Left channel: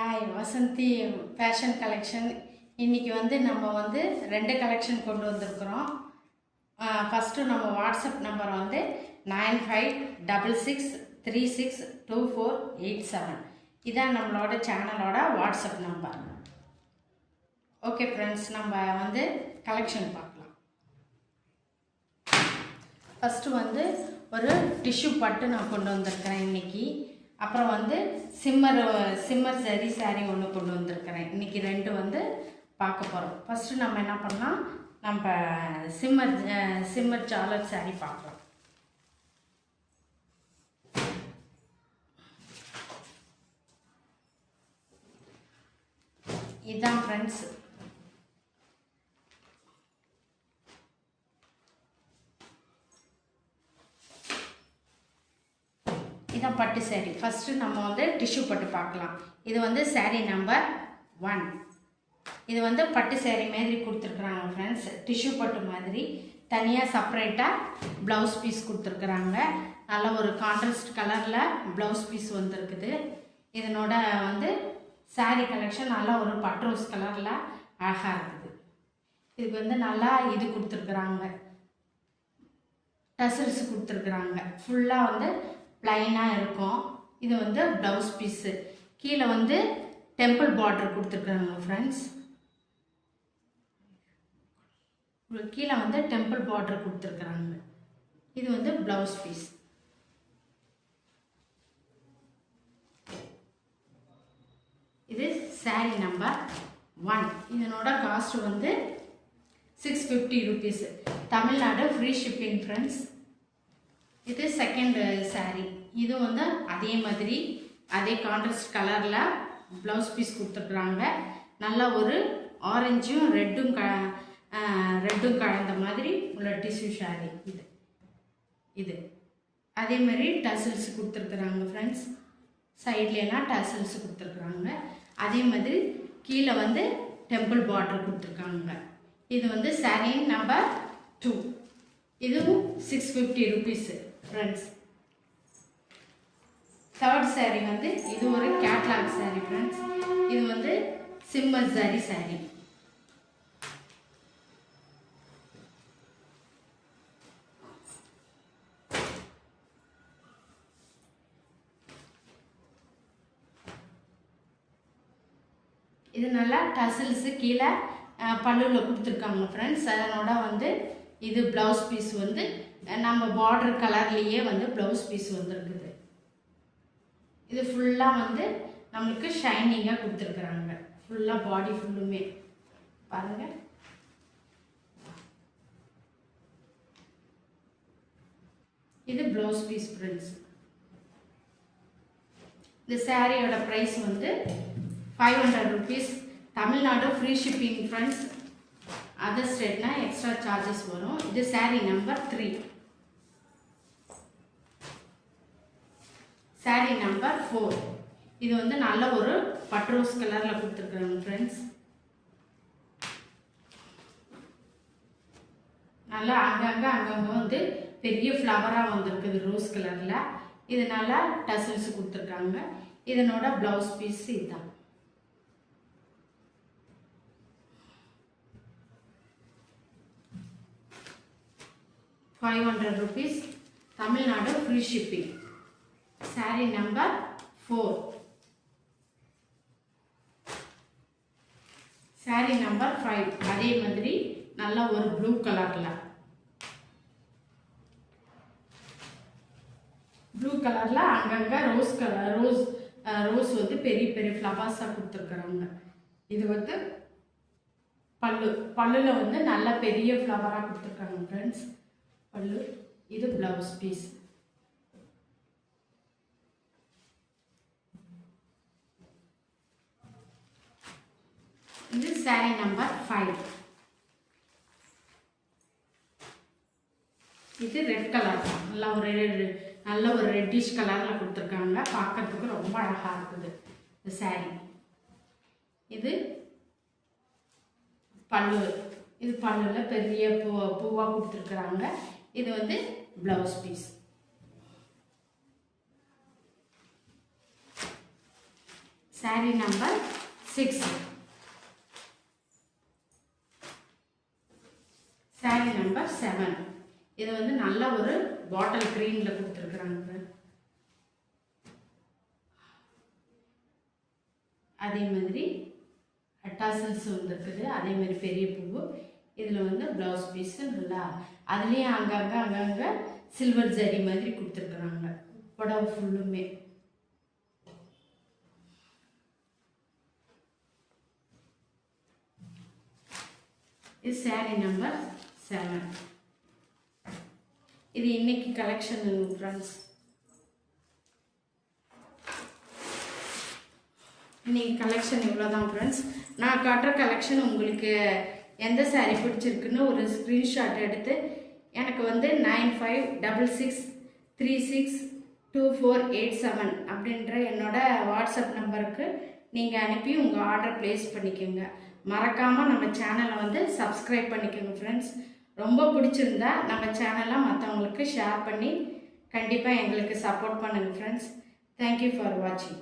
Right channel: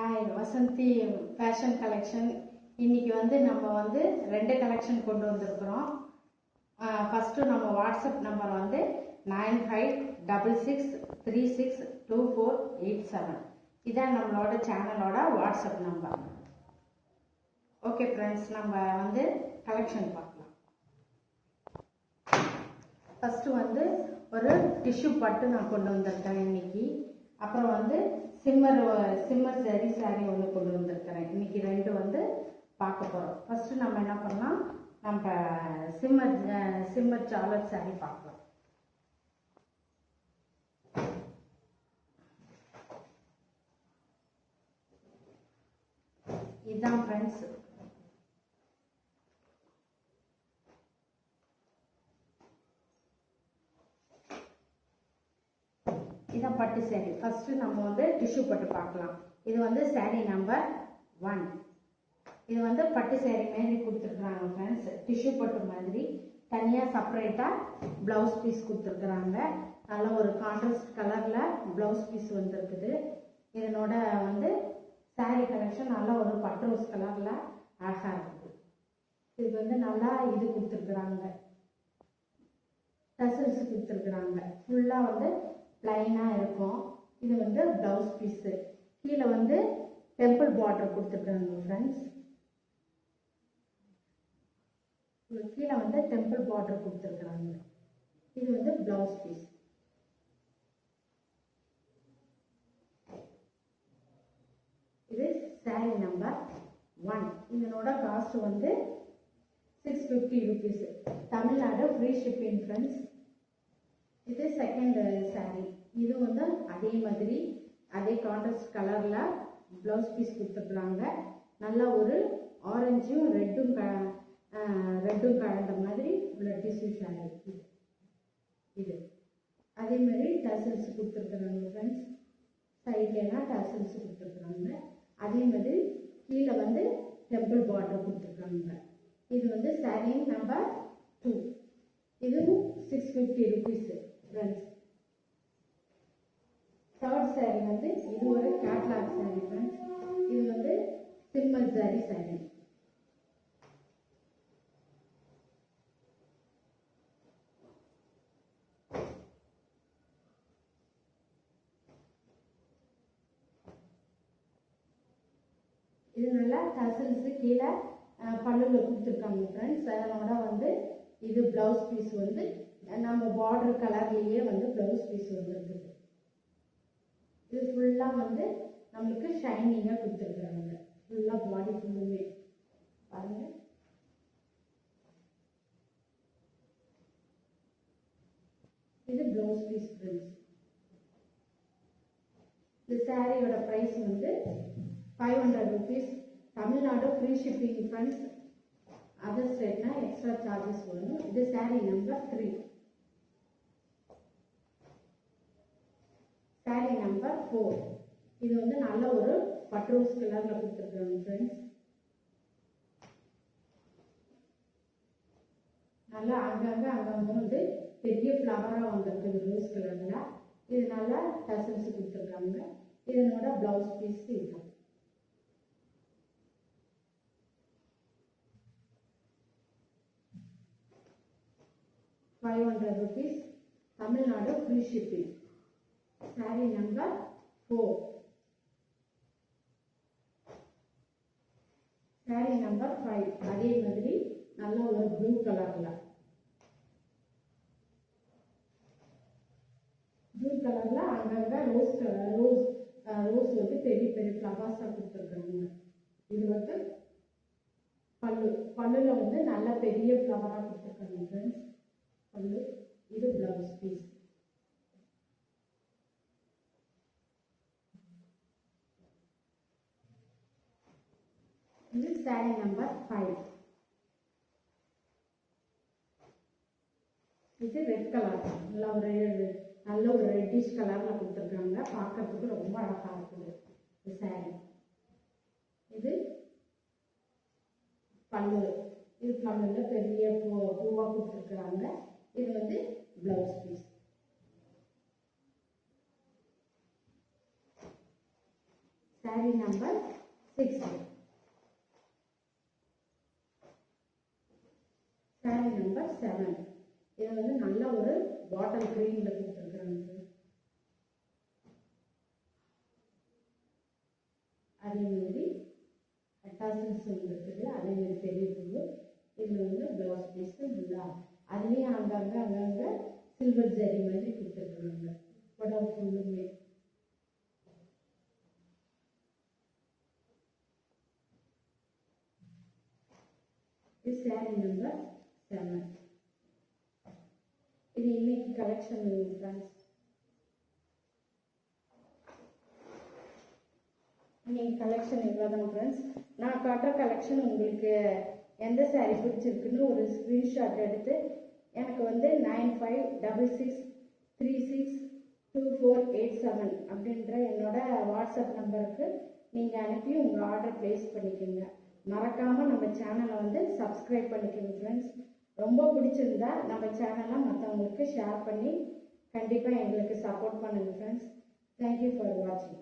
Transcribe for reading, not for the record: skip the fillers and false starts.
Hi Vasanthi fashion collection. இன்றைக்கி நம்ம ரெண்டு கலெக்ஷன் கொண்டு வந்திருக்கிறோம். ஃபஸ்ட்டு நம்ம வாட்ஸ்அப் நம்பர் 9566362487. இதான் நம்மளோட சேனலோட வாட்ஸ்அப் நம்பர். ஓகே ஃப்ரெண்ட்ஸ், நம்ம கலெக்ஷன் பார்க்கலாம். ஃபஸ்ட்டு ஒரு டிஷ்யூ பட்டு நான் கொண்டு வந்திருக்கிறேன் இன்றைக்கி. அப்புறம் சிம்மர் சரி சாரீ ஒன்று கொண்டு வந்திருக்கிறேன். இன்றைக்கி ரெண்டு பார்க்க போகிறோம். ஃபஸ்ட்டு நம்ம என்ன பண்ணலாம், நம்ம சிம்மர் ஜாலர் சாரீ பார்க்கலாம். இதுதான் ஃப்ரெண்ட்ஸ், இதான் பட்டு சாரீ. ஃபஸ்ட்டு நம்ம டிஷ்யூ பட்டு பார்க்கலாம். இது சாரீ நம்பர் 1. இது பட்டு சாரீ மாதிரி கொடுத்துருக்குறாங்க ஃப்ரெண்ட்ஸ். டிஷ்யூ பட்டு மாதிரி தனியாக செப்பரேட்டாக ப்ளவுஸ் பீஸ் கொடுத்துருக்குறாங்க. நல்ல ஒரு கான்ட்ராஸ்ட் கலரில் ப்ளவுஸ் பீஸ் வந்துருக்குது. இதனோட சாரீ கலெக்ஷன் நல்லா ஒரு பட்ரோஸ் கலரில் அழகாக இருக்குது. இதுக்கு நல்லா இது கொடுத்துருக்குறாங்க, டசல்ஸ் கொடுத்துருக்குறாங்க. ஃபுல்லாக ப்ளைனாக இருக்கும். இது ப்ளவுஸ் பீஸு. கீழே டெம்பிள் பார்டர் கொடுத்துருக்குறாங்க ஃப்ரெண்ட்ஸ். கீழே டெம்பிள் பார்டர் கொடுத்துருக்குறாங்க. இது ப்ளவுஸ் பீஸ். இது சாரீ நம்பர் 1. இதனோட cost 650 rupees. Tamil Nadu free shipping friends. இது செகண்ட் சாரீ. இது அதே மாதிரி அதே கான்ட்ராஸ்ட் கலரில் ப்ளவுஸ் பீஸ் கொடுத்துருக்குறாங்க. நல்லா ஒரு ஆரஞ்சும் ரெட்டும் கலந்த மாதிரி உள்ள டிஷ்யூ சாரீ இது. அதே மாதிரி டசல்ஸ் கொடுத்துருக்குறாங்க ஃப்ரெண்ட்ஸ். சைட்லாம் டசல்ஸ் கொடுத்துருக்குறாங்க. அதே மாதிரி கீழே டெம்பிள் பார்டர் கொடுத்துருக்காங்க. இது சாரீ நம்பர் 2. இதுவும் 650 ருபீஸு ஃப்ரெண்ட்ஸ். தேர்ட் சாரீ இது ஒரு கேட்லாக் சாரீ ஃப்ரெண்ட்ஸ். இது சிம்மர் ஜரி சாரீ. இது நல்லா டசல்ஸு கீழே பல்லுவில் கொடுத்துருக்காங்க ஃப்ரெண்ட்ஸ். அதனோட இது ப்ளவுஸ் பீஸ் நம்ம பார்டர் கலர்லேயே ப்ளவுஸ் பீஸ் வந்துருக்குது. இது ஃபுல்லாக நம்மளுக்கு ஷைனிங்காக கொடுத்துருக்குறாங்க. ஃபுல்லாக பாடி ஃபுல்லுமே பாருங்கள். இது ப்ளவுஸ் பீஸ் ஃப்ரெண்ட்ஸ். இந்த சாரியோட price 500 rupees. Tamil Nadu free shipping friends. Other ஸ்டேட்னா எக்ஸ்ட்ரா சார்ஜஸ் வரும். இது சாரீ நம்பர் 3. சாரீ நம்பர் 4. இது நல்ல ஒரு பட்ரோஸ் கலரில் கொடுத்துருக்குறாங்க ஃப்ரெண்ட்ஸ். நல்லா அங்கங்கே பெரிய ஃப்ளவராக வந்திருக்குது ரோஸ் கலரில். இது நல்லா டசல்ஸ் கொடுத்துருக்காங்க. இதனோட ப்ளவுஸ் பீஸ் இதுதான். ₹500 Tamil Nadu free shipping. Sari number 4. Sari number 5. அதே மாதிரி நல்ல ஒரு ப்ளூ கலரில் அங்கங்கே ரோஸ் பெரிய பெரிய ஃப்ளவர்ஸாக கொடுத்துருக்குறாங்க. இது பல்லுல நல்ல பெரிய ஃப்ளவராக கொடுத்துருக்காங்க ஃப்ரெண்ட்ஸ். பல்லு. இது ப்ளவுஸ் பீஸ். இது சாரீ நம்பர் 5. இது ரெட் கலர். நல்ல ஒரு ரெட்டிஷ் கலரில் கொடுத்துருக்காங்க. பார்க்கறதுக்கு ரொம்ப அழகாக இருக்குது இந்த சாரீ. இது பல்லு. இது பல்லுல பெரிய பூவாக கொடுத்துருக்குறாங்க. இது blouse piece. saree number 6. saree number 7. இது வந்து நல்ல ஒரு பாட்டில் கிரீனில் கொடுத்துருக்குறாங்க. அதே மாதிரி டசல்ஸ் வந்துருக்குது. அதே மாதிரி பெரிய பூவு. இதில் வந்து ப்ளவுஸ் பீஸு நல்லா அதுலேயும் அங்கங்கே சில்வர் ஜரி மாதிரி கொடுத்துருக்குறாங்க புடவை ஃபுல்லுமே. இது saree number 7. இது இன்னைக்கு கலெக்ஷன் ஃப்ரெண்ட்ஸ். இன்னைக்கு கலெக்ஷன் இவ்வளோதான் ஃப்ரெண்ட்ஸ். நான் காட்டுற கலெக்ஷன் உங்களுக்கு எந்த saree பிடிச்சிருக்குன்னு ஒரு ஸ்க்ரீன்ஷாட் எடுத்து எனக்கு வந்து 9566362487 அப்படின்ற என்னோட வாட்ஸ்அப் நம்பருக்கு நீங்கள் அனுப்பி உங்கள் ஆர்டர் ப்ளேஸ் பண்ணிக்கோங்க. மறக்காமல் நம்ம சேனலை வந்து சப்ஸ்கிரைப் பண்ணிக்கோங்க ஃப்ரெண்ட்ஸ். ரொம்ப பிடிச்சிருந்தா நம்ம சேனலை மற்றவங்களுக்கு ஷேர் பண்ணி கண்டிப்பாக எங்களுக்கு சப்போர்ட் பண்ணுங்கள் ஃப்ரெண்ட்ஸ். தேங்க்யூ ஃபார் வாட்சிங்.